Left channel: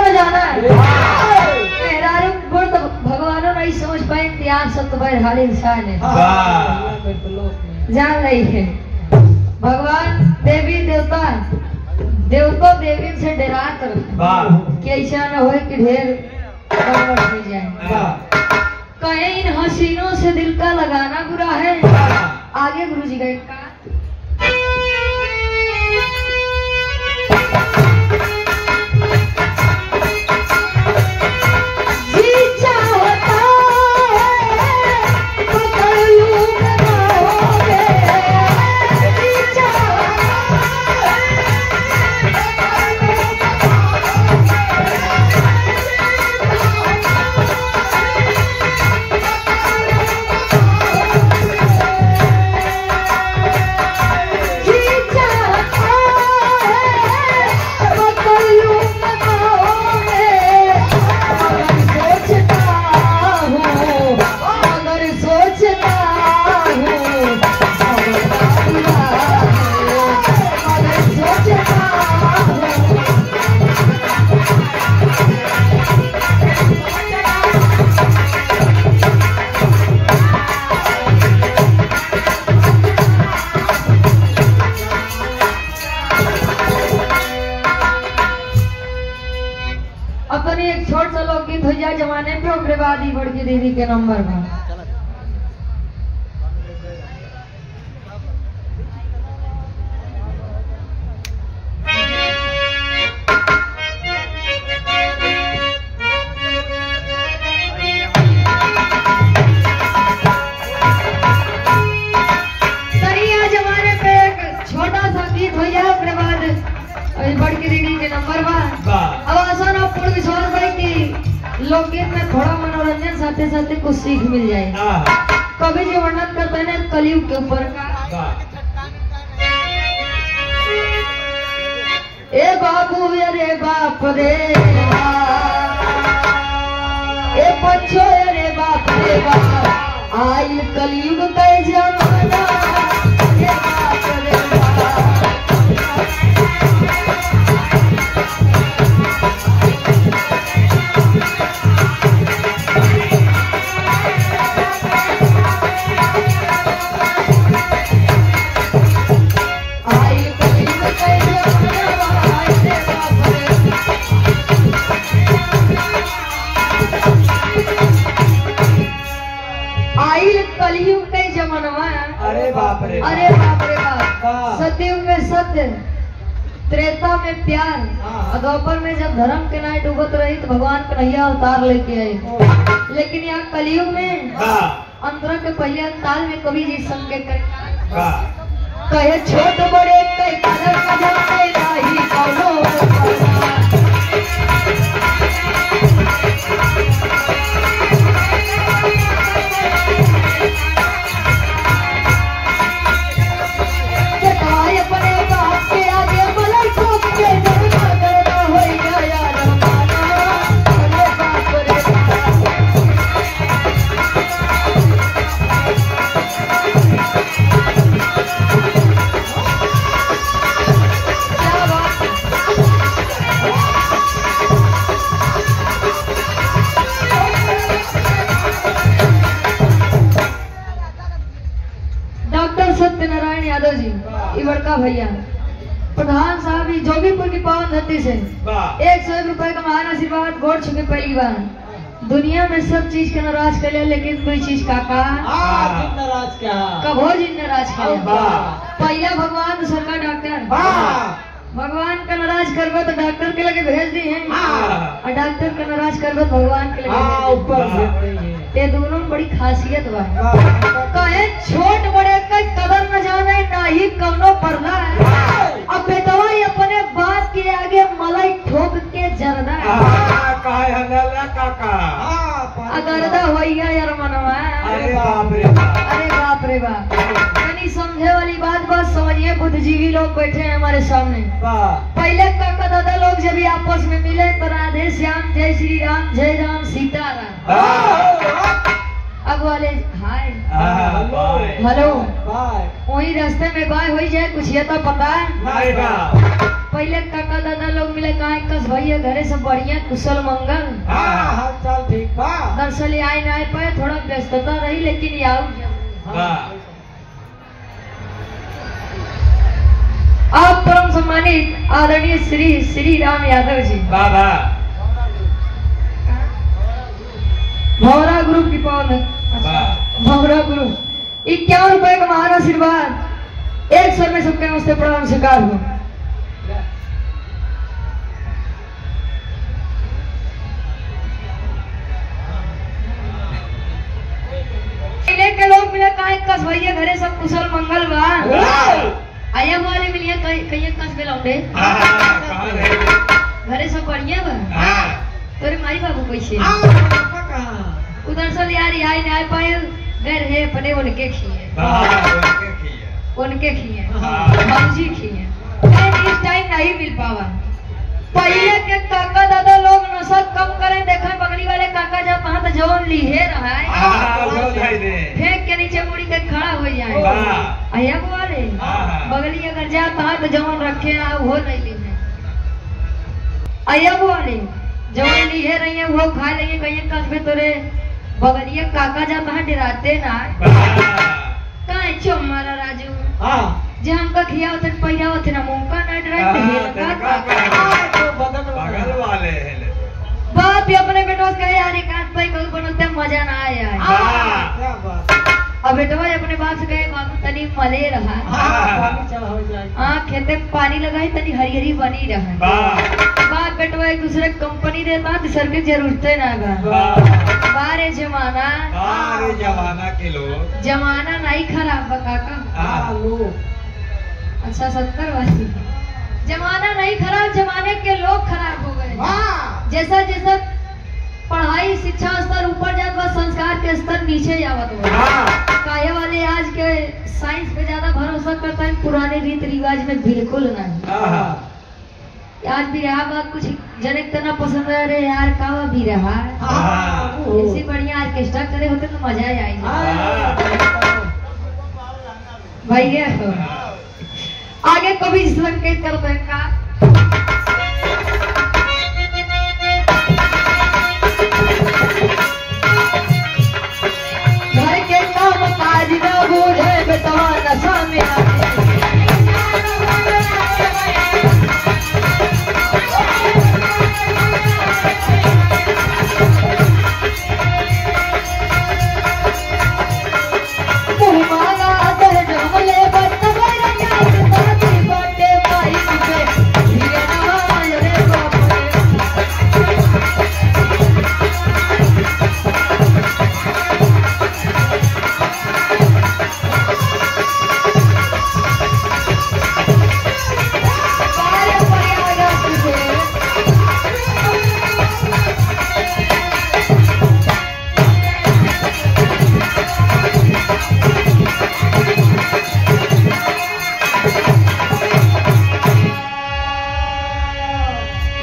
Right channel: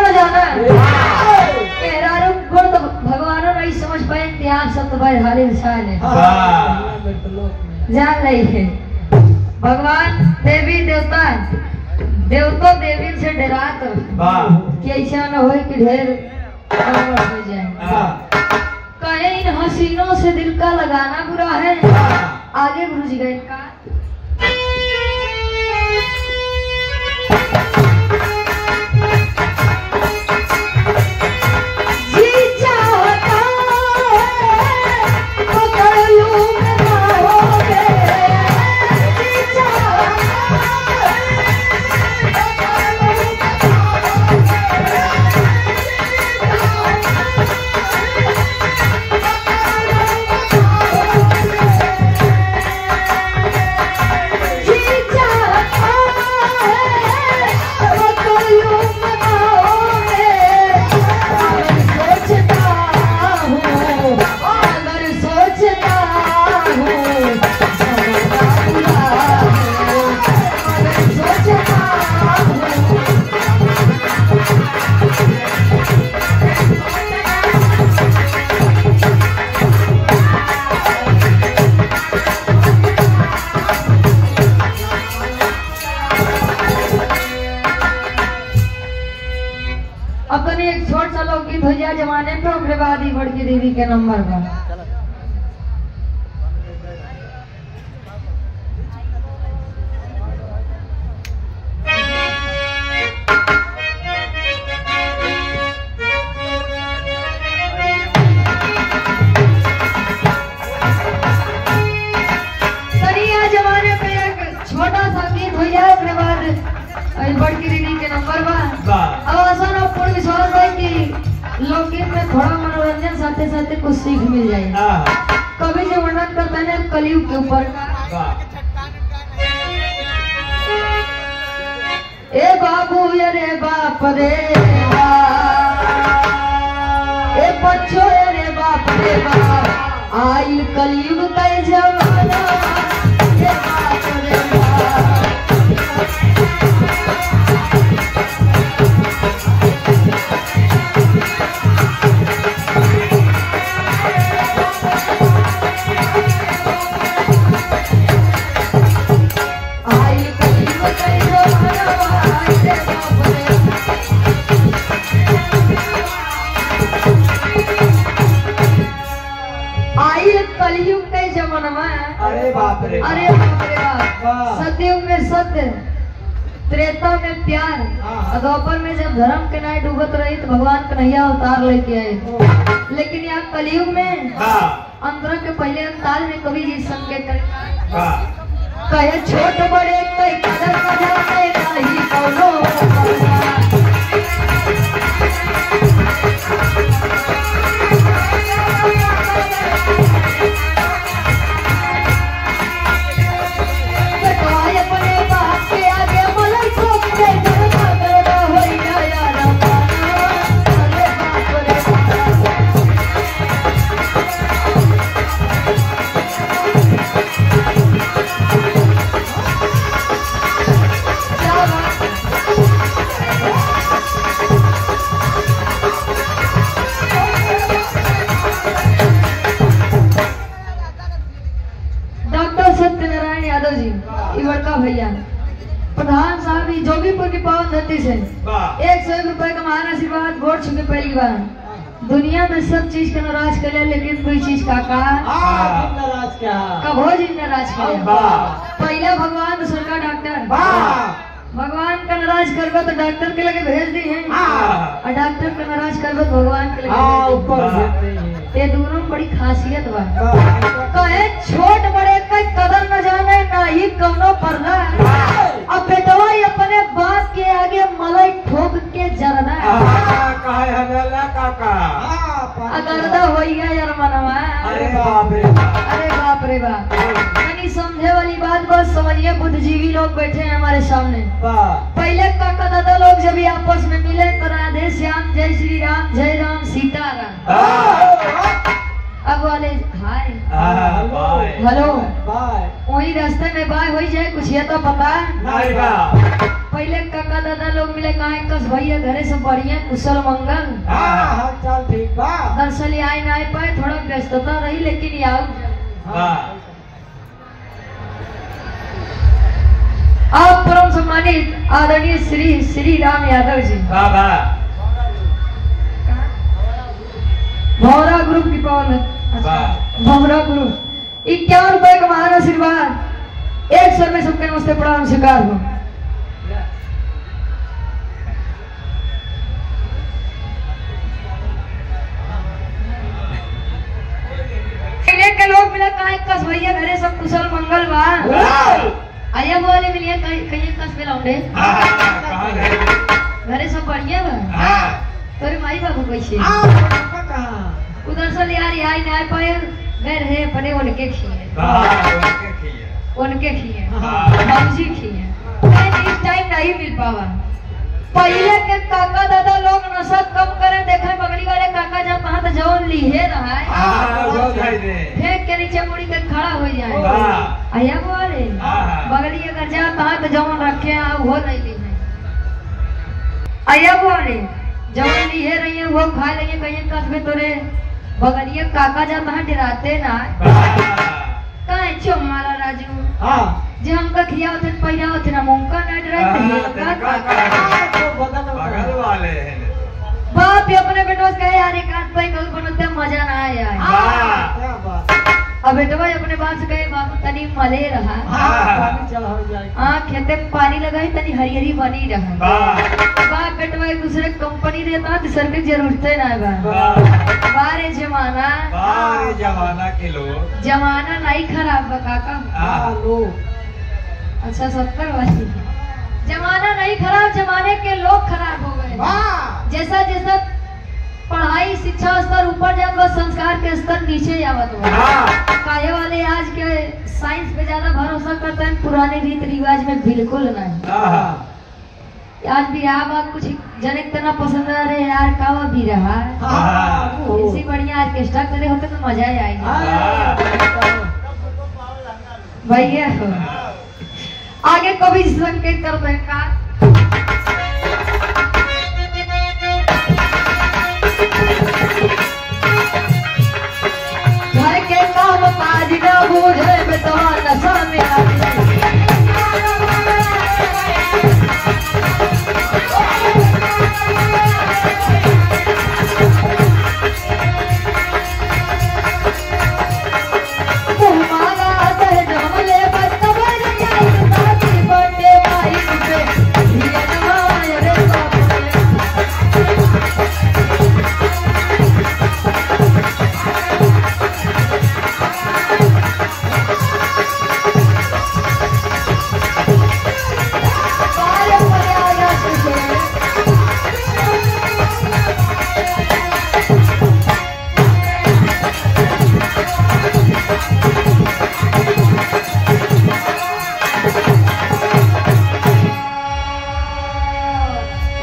न जाना मेहरारू गुण तो भगवानों नहीं समझ पाए त्याग सब तो भाई हर इंसान है जान नहीं है भगवान देवी देवता देवतो देवी से डरा कर कि ऐसा न हो कि ढेर हो जाए कहीं इन हसीनों से दिल का लगाना बुरा है आगे गुरु जी गए का भैया जमाने पे उग्रवादी बड़की दीदी के नंबर का जमाने पे एक छोटा सा गीत भैया उग्रवाद बड़की दीदी के नंबर का आसान पूर्ण विश्वास भाई की लोकगीत में थोड़ा मनोरंजन साथे साथे कुछ सीख मिल जाए कवि जी वर्णन करते हैं कलयुग के ऊपर का ए बाबू रे बाप रे ए बच्चो रे बाप रे बाप आई कलयुग का जमाना रे बाप रे अरे बाप रे सतयुग में सत्य त्रेता में प्यार अधोपर में जब धर्म के नाय डूबत रही तो भगवान कन्हैया अवतार लेके आए लेकिन यहाँ कलयुग में अंतरा के पहले अंताल में कवि जी संकेत कहे छोट बड़े कई कदर जाते नहीं कौनो भैया प्रधान साहब जोगीपुर की पावन धरती से 101 रुपए का महान आशीर्वाद गोड़ छुके पहली बार दुनिया में सब चीज के नाराज कर ले लेकिन कोई चीज का कबो जी नाराज पहला भगवान दूसरा डॉक्टर भगवान का नाराज करबो तो डॉक्टर के लगे भेज दी है और डॉक्टर का नाराज करबो तो भगवान के लगे ऊपर ये दोनों बड़ी खासियत बा कहे छोट बड़े के कदर न जाने नहीं कौनो परला अब बेटवा अपने बाप के आगे मलाई ठोक के जरना काहे हगला काका अगरदा होइया यार मनवा अरे बाप रे बाप यानी समझे वाली बात बस समझिए बुद्धिजीवी लोग बैठे हैं हमारे सामने पहले काका दादा लोग जब आपस में मिले तो राधे श्याम जय श्री राम जय राम सीताराम अब वाले हाय हेलो वही रास्ते में बाय हो जाए कुछ ये तो पता नहीं पहले काका दादा लोग मिले कहा कस भैया घरे सब बढ़िया कुशल मंगल। हाँ चल ठीक बा। दरअसल आए ना पाए थोड़ा व्यस्तता रही लेकिन आओ। आप परम सम्मानित आदरणीय श्री श्री राम यादव जी भौरा ग्रुप की पावन भौरा ग्रुप 51 रुपए का महान आशीर्वाद एक सर में सबके नमस्ते प्रणाम स्वीकार हो। के लोग मिला कहा कस भैया घरे सब कुशल मंगल बा। आया बोले मिलिए कहीं कस में लौटे घरे सब बढ़िया बा। तोरे माई बाबू कैसे उधर से यार यहाँ नहीं पाए गए रहे अपने उनके खिए बाबूजी खिए इस टाइम नहीं मिल पावा। पहले के काका दादा लोग नशा कम करें देखे बगली वाले काका जब कहा तो जोन लीहे रहा है फेंक के नीचे मुड़ी के खड़ा हो जाए। आया बोले बगली अगर जा कहा तो जौन रखे वो नहीं लीहे। आया बोले जौन लीहे रही है वो खा लेंगे कहीं कस में तोरे बगलिया काका जा कहा डराते ना कहीं चो मारा राजू जे हमका खिया होते पहिया होते ना मुंका ना डराते बाप ही अपने बेटों से कहे यार एक हाथ पे कल बनते मजा ना आया। अब बेटवा अपने बाप से कहे बाप तनी मले रहा खेते पानी लगाए तनी हरियरी बनी रहा। बाप बेटवा एक दूसरे कंपनी देता दूसरे की जरूरतें ना बारे जमाना के लोग जमाना नहीं खराब काका। अच्छा 70 वाली जमाना नहीं खराब जमाने के लोग खराब हो गए। जैसा जैसा पढ़ाई शिक्षा स्तर ऊपर जाता संस्कार के स्तर नीचे आवत काया वाले आज के साइंस पे ज्यादा भरोसा करते हैं पुराने रीत रिवाज में बिल्कुल नहीं। आज भी रहा कुछ जने इतना पसंद है अरे यार कावा भी रहा ऐसी बढ़िया ऑर्केस्ट्रा करे होते तो मजा ही आएगा भैया। आगे कभी संकेत करते हैं का घर के काम काज ना बूढ़े बेटा नशा में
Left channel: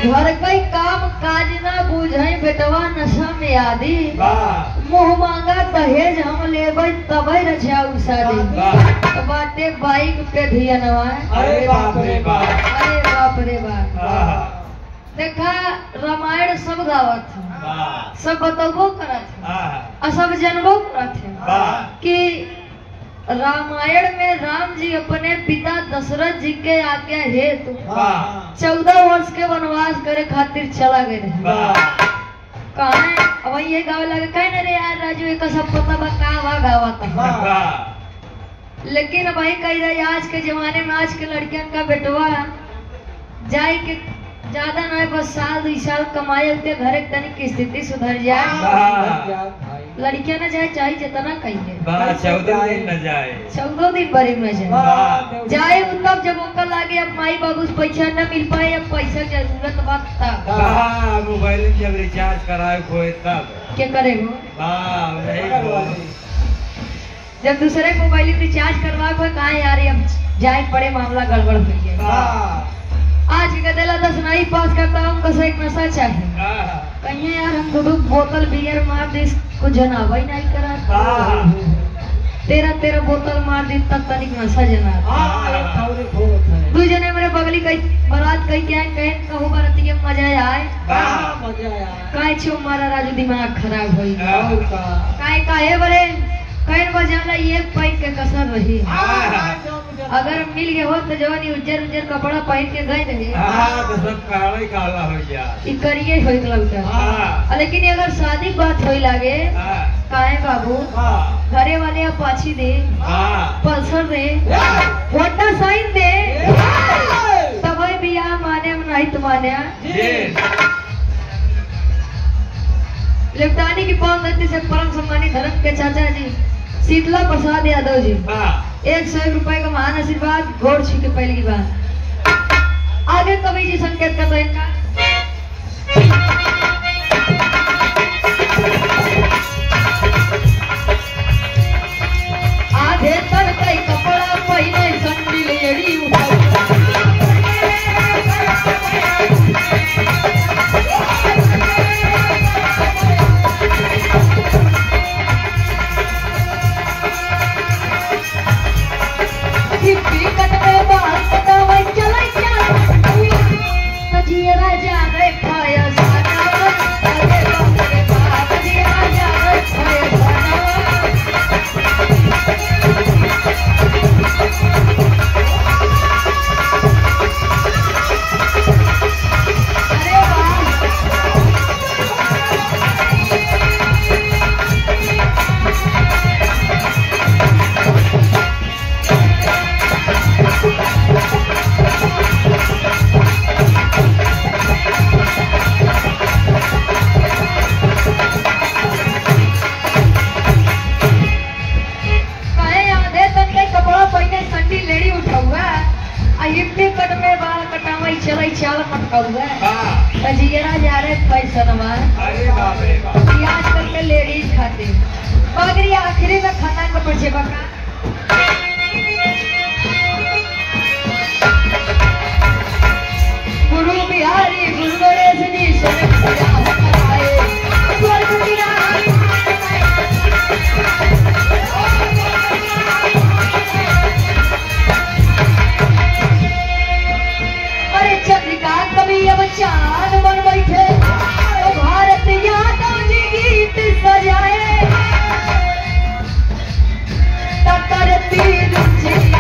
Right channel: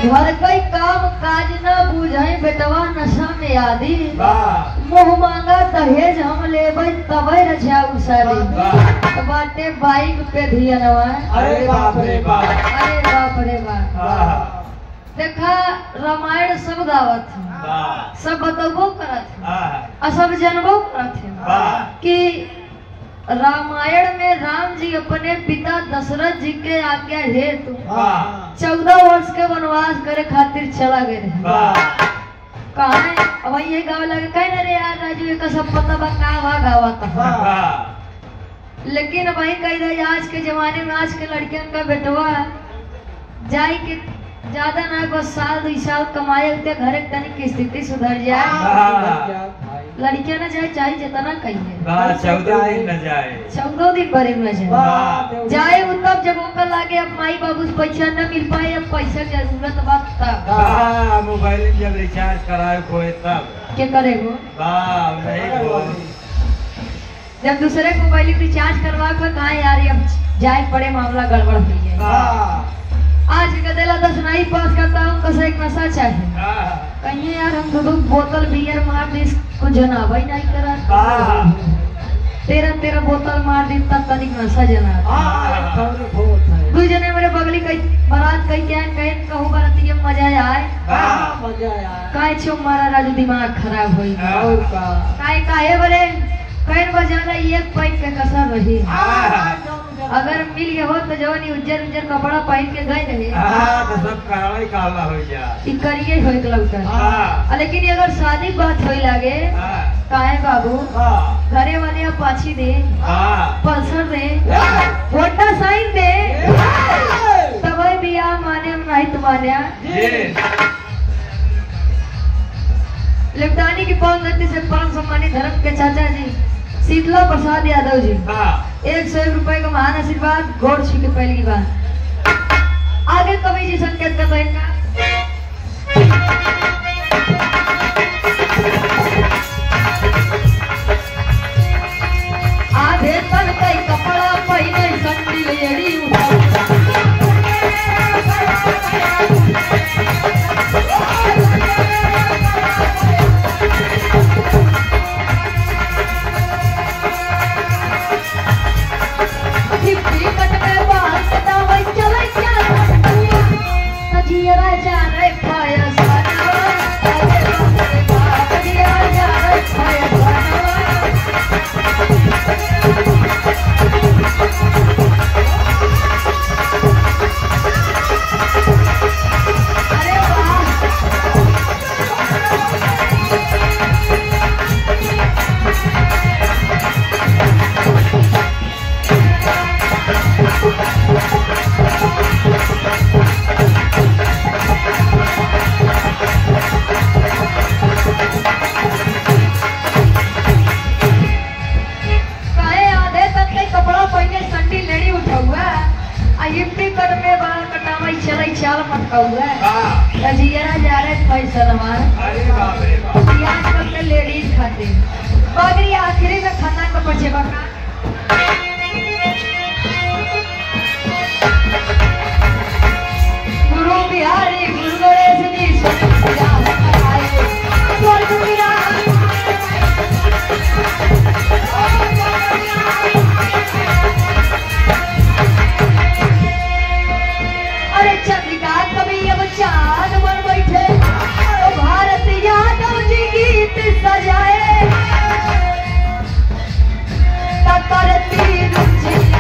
घर कई काम काज न बूझे बेटवा नशा में आदि मोह मांगा दहेज हम लेबै तबै रजाऊ शादी बाटे बाइक पे धियनवा। अरे बाप रे बाप देखा रामायण सब गावत सब बतबो करत सब जनबो करत कि रामायण में राम जी अपने पिता दशरथ जी के आज्ञा हेतु 14 वर्ष के वनवास करे खातिर चला गए कहा अब ये गाँव लगे कहीं रे यार राजू एक सब पता बा गावा था लेकिन अब कही रही आज के जमाने में आज के लड़कियों का बेटवा जाए के ज्यादा ना बस साल 2 साल कमाए उनके घर तनिक की स्थिति सुधर जाए लड़कियां ना जाए चाहे जितना कहिए 14 दिन न जाए 14 दिन बड़े न जाए तब जब ओकर लागे अब माई बाबू से पैसा न मिल पाए अब पैसा की जरूरत बात तब मोबाइल जब रिचार्ज कराए कोई तब क्या करेगो जब दूसरे मोबाइल रिचार्ज करवा को कहा यार अब जाए पड़े मामला गड़बड़ हो गया। आज गदेला 10 नहीं पास करता हमको से एक नशा चाहिए कहीं यार हम 2 बोतल बियर मार दे को जनावा ही नहीं करा 13 बोतल मार दी तब तनिक नशा जना तू जने मेरे बगली कई बारात कई कहे कहूं बाराती में मजा आए मजा आया काहे छो मारा राजू दिमाग खराब होई और का काहे बरे पैन बजे हमरा एक पैक के कसर रही अगर मिल गए हो तो जवानी उज्जर उज्जर कपड़ा पहन के गए रहे तो सब काला ही काला हो जा ई करिए होई लगता लेकिन अगर शादी बात होई लागे काहे बाबू घरे वाले अपाची दे पल्सर दे होंडा साइन दे तब बियाह माने हम नहीं तुम्हारे लिपटानी की पावन गति से परम सम्मानित धर्म के चाचा जी शीतला प्रसाद यादव जी 101 रुपए का महान आशीर्वाद गोड़ छू के पहली बार आगे कवि जी संकेत कर रहे हैं आधे तर कई कपड़ा पहले संडिल एड़ी आजकल के लेडीज खाते पगड़ी आखिरी में खाना का पचे बका गुरु बिहारी गुरु रजनी अरे चंद्रिका कभी अब चांद बन बैठे भारत यादव जी गीत सजाए करती